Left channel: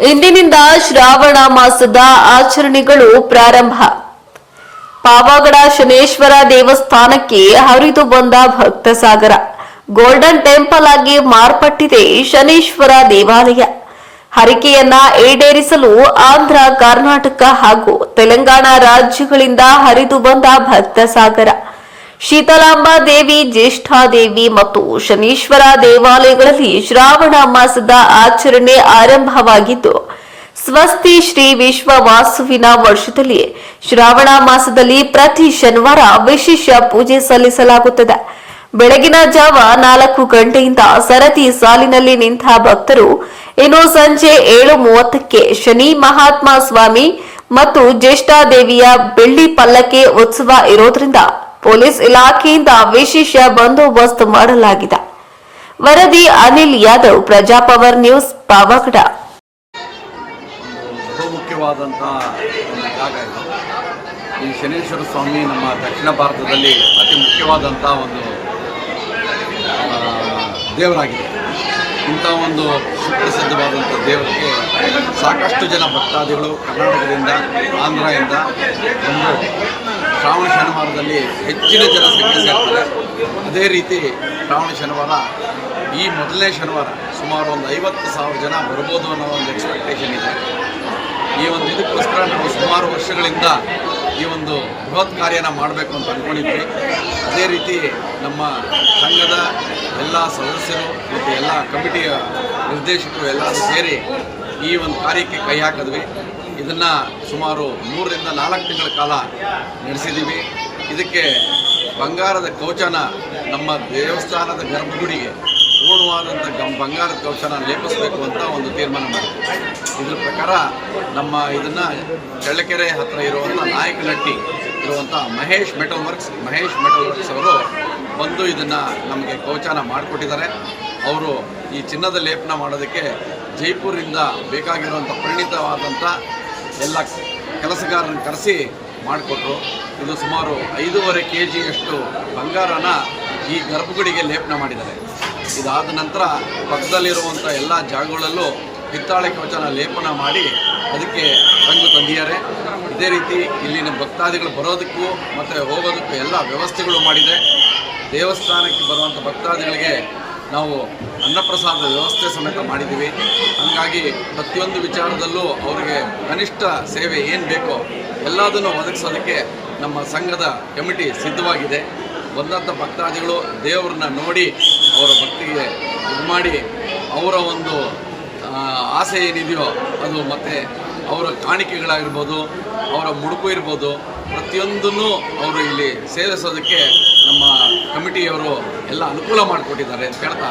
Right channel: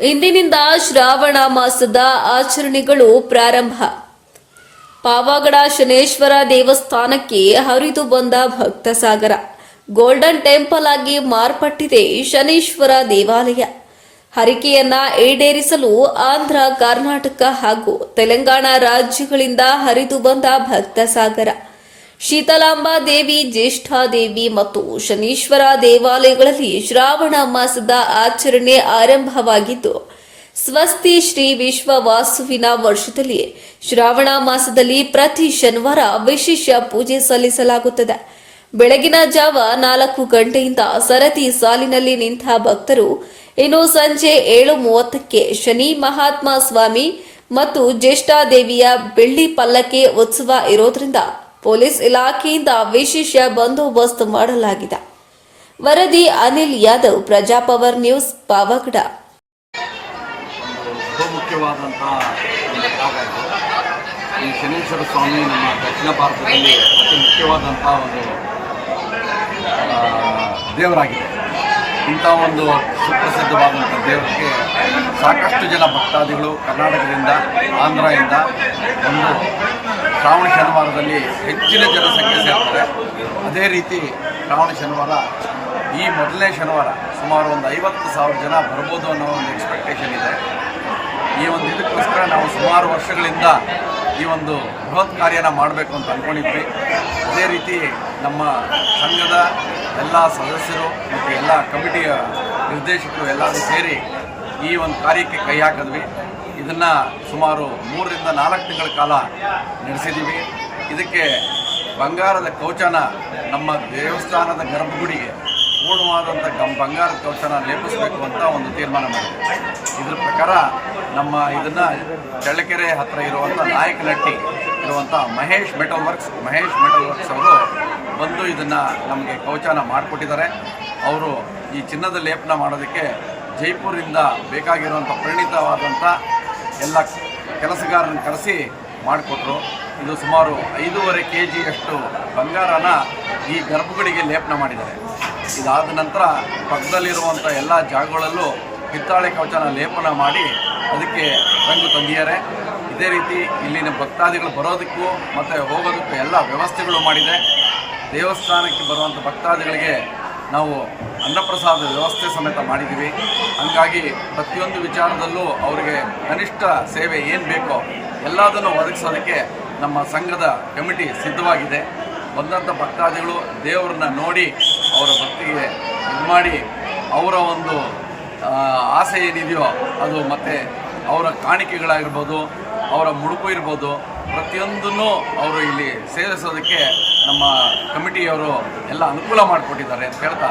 ಇಂದಿನಿಂದ ಶ್ರಾವಣ ಮಾಸದ ಆಚರಣೆಗಳು ಪ್ರಾರಂಭ. ಪಾವಗಡ ಶನೇಶ್ವರ ದೇವಸ್ಥಾನಕ್ಕೆ ಹರಿದು ಬಂದ ಭಕ್ತ ಸಾಗರ ಗೋಲ್ಡನ್ ಟೆಂಪಲ್ ಆಗಿ ಮಾರ್ಪಟ್ಟಿದೆ ಶನೇಶ್ವರ ದೇವಾಲಯ. ಹರಿಕೆಯನ್ನ ಈಡೇರಿಸಲು ಆಂಧ್ರ, ಕರ್ನಾಟಕ ಹಾಗೂ ತೆಲಂಗಾಣ ರಾಜ್ಯಗಳಿಂದ ಹರಿದು ಬಂದ ಭಕ್ತ ಸಾಗರ ಶೀತಲಾಂಬಾ ದೇವಿ ಜ್ಯೇಷ್ಠಾದೇವಿ ಮತ್ತು ಶನೀಶ್ವರ ದೇವಾಲಯಗಳಲ್ಲಿ ಶ್ರಾವಣ ಮಾಸದ ಆಚರಣೆ ಆರಂಭವಾಗಿದ್ದು, ಸ್ವಸ್ತಿ ಶ್ರೀ ವಿಶ್ವ ವಾಸುವಿನ ವರ್ಷದಲ್ಲಿ ಶ್ರಾವಣ ಮಾಸದಲ್ಲಿ ಪ್ರತಿ ಶನಿವಾರ ವಿಶೇಷ ಪೂಜೆ ಸಲ್ಲಿಸಲಾಗುತ್ತದೆ. ಬೆಳಗಿನ ಜಾವ ನಾಲ್ಕು ಗಂಟೆಯಿಂದ ಸರತಿ ಸಾಲಿನಲ್ಲಿ ನಿಂತ ಭಕ್ತರು ಇನ್ನು ಸಂಜೆ ಏಳು ಮೂವತ್ತಕ್ಕೆ ಶನಿ ಮಹಾತ್ಮ ಸ್ವಾಮಿ ಮತ್ತು ಜ್ಯೇಷ್ಠಾದೇವಿಯ ಬೆಳ್ಳಿ ಪಲ್ಲಕ್ಕೆ ಉತ್ಸವ ಇರೋದ್ರಿಂದ ಪೊಲೀಸ್ ಇಲಾಖೆಯಿಂದ ವಿಶೇಷ ಬಂದೋಬಸ್ತ್ ಮಾಡಲಾಗಿದೆ. ವರದಿ ಅನಿಲ್ ಯಾದವ್ ಪ್ರಜಾಪವರ್ ನ್ಯೂಸ್, ಪಾವಗಡ. ಈ ಶನೇಶ್ವರ ಸ್ವಾಮಿ ನಮ್ಮ ದಕ್ಷಿಣ ಭಾರತದಲ್ಲಿ ಅತಿ ಮುಖ್ಯವಾದಂಥ ಒಂದು ದೇವರಾಗಿದೆ. ಇಂಥ ಒಂದು ಸುಪ್ರಸಿದ್ಧವಾದಂಥ ದೇವರಿಗೆ ಸಾಕಷ್ಟು ಜನ ಭಕ್ತಾದಿಗಳು ಕರ್ನಾಟಕದಿಂದ, ಆಂಧ್ರದಿಂದ ಒಂದು ಶ್ರಾವಣ ಶನಿವಾರದಲ್ಲಿ ಹೆಚ್ಚಿನ ಜನಸಂಖ್ಯೆ ಸೇರ್ತಾರೆ. ಅದೇ ರೀತಿ ಶ್ರಾವಣ ಶನಿವಾರ ಈ ಮೊದಲನೇ ಶನಿವಾರ ಸುಮಾರು ಒಂದು ಐವತ್ತು ಸಾವಿರ ಜನ ಬರ್ಬೋದು ಅನ್ನೋ ಒಂದು ಎಕ್ಸ್ಪೆಕ್ಟೇಷನ್ ಇದೆ. ಈ ಒಂದು ಇದಕ್ಕೋಸ್ಕರ ನಾವು ಸುಮಾರು ವರ್ಷಗಳಿಂದ ಈ ಒಂದು ಬೃಹತ್ ಕಾರ್ಯನ ಮಾಡಬೇಕು ಅಂತ ಅಂದ್ಕೊಂಡಿದ್ವಿ ಅದೇ ರೀತಿ ನಮ್ಮ ಸಂಘದ ಎಲ್ಲ ಸದಸ್ಯರು ಮತ್ತು ಎಲ್ಲ ಕಮಿಟಿಯ ನಿರ್ದೇಶಕರು ಎಲ್ಲರೂ ಸೇರಿ ಈ ಒಂದು ಕಾರ್ಯಕ್ಕೆ ಕೈ ಹಾಕಿದ್ವಿ. ಇದನ್ನು ಸುಮಾರು ಮೂರರಿಂದ ನಾಲ್ಕು ತಿಂಗಳ ಕಾಲ ನಡೆಸಿದ್ದೀವಿ ಇದಕ್ಕೆ ಬಂಗಾರದ ಕವಚನ ನಮ್ಮ ದೇವಸ್ಥಾನದ ಗರ್ಭಗುಡಿಗೆ ಪೂರ್ಣವಾದಂಥ ಗಮ್, ಬಂಗಾರದ ಕವಚನ ಲೇಪಿಸಬೇಕು ಅಂತ ಒಂದು ತೀರ್ಮಾನ ಮಾಡಿದೆ ಇದ್ರ ಪ್ರಕಾರ ನಮ್ಮ ಇದನ್ನು ಚಳ್ಳಕೆರೆ ಹತ್ತಿರ ಇರುವಂಥ ನಾಯಕನಟ್ಟಿ ಇರುವಂಥ Mahesh metal works, Mahesh metal works ಅವರು ಬಂದು ಇದನ್ನು ನಮಗೆ ಕವಚನ ಮಾಡಿಕೊಟ್ಟಿದ್ದಾರೆ. ಅವರು ಈ ಚಿನ್ನದ ಲೇಪನ ಮಾಡೋದಕ್ಕೆ ಜೈಪುರಿಂದ ಬೇಕಾಗಿರುವಂಥ ಪರಿಣಿತವಾದಂಥ ಎಲ್ಲ ಕೆಲಸಗಾರರನ್ನು ಕರೆಸಿ ಮಾಡಿಕೊಟ್ರು. ಇದು ಸುಮಾರು ಐದೂವರೆ ಕೆ ಜಿಯಷ್ಟು ಬಂಗಾರನ ಈ ಗರ್ಭಗುಡಿಗೆ ಲೇಪನ ಮಾಡಿದ್ದಾರೆ. ಇದಾದ ನಂತರ ಪಕ್ಕದಲ್ಲಿರುವಂಥ ಎಲ್ಲ ಜಾಗಗಳಲ್ಲೂ ಹಿತ್ತಾಳೆ ಕವಚನ ಲೇಪನ ಮಾಡಿ ಅದಕ್ಕೆ ರಂಗು ತಂದಿದ್ದಾರೆ. ಇದೇ ರೀತಿ ಇಲ್ಲಿನ ಭಕ್ತಾದಿಗಳು ಬರೋದಕ್ಕೂ ಮತ್ತು ಹೋಗೋದಕ್ಕೂ ಎಲ್ಲ ವ್ಯವಸ್ಥೆಗಳು ಮಾಡಿದೆ. ದೇವಸ್ಥಾನಕ್ಕೆ ಬರುವಂಥ ಭಕ್ತಾದಿಗಳಿಗೆ ನಾವು ಅನ್ನಪ್ರಸಾದ ವ್ಯವಸ್ಥೆ ಸಮೇತ ಮಾಡಿದ್ದೀವಿ. ಹಂಗಾಗಿ ಪ್ರತಿಯೊಂದು ವಿಚಾರದಲ್ಲೂ ಅವರಿಗೆ ಕನಿಷ್ಠ ಸೇವೆ ಏನು ಬೇಕೋ ಎಲ್ಲದನ್ನು ಒದಗಿಸೋದಕ್ಕೆ ನಮ್ಮ ಸಂಘದ ಕಮಿಟಿ ಸಿದ್ಧವಾಗಿದೆ. ಬಂದಂಥ ಭಕ್ತಾದಿಗಳು ದೇವರನ್ನ ನೋಡಿ ಅವರ ಭಕ್ತಿಗೆ ಇದು ಮಾಡಿ ಅವರ ಒಂದು ಆಸೆ ಏನಿದೆಯೋ ಅದು ಮತ್ತು ಅವರ ಕಾಣಿಕೆಗಳಾಗಿರ್ಬೋದು, ಅವರ ಮುಡುಪು ಇರ್ಬೋದು, ಪ್ರತಿಯೊಂದನ್ನು ಅವರು ಇಲ್ಲಿ ಸೇವಿಸೋದಕ್ಕೆ ನಮ್ಮ ಕಮಿಟಿಯವರು ಎಲ್ಲ ಅನುಕೂಲ ಮಾಡಿಕೊಟ್ಟಿದ್ದಾರೆ ಅಂತ ಹೇಳ್ತಾ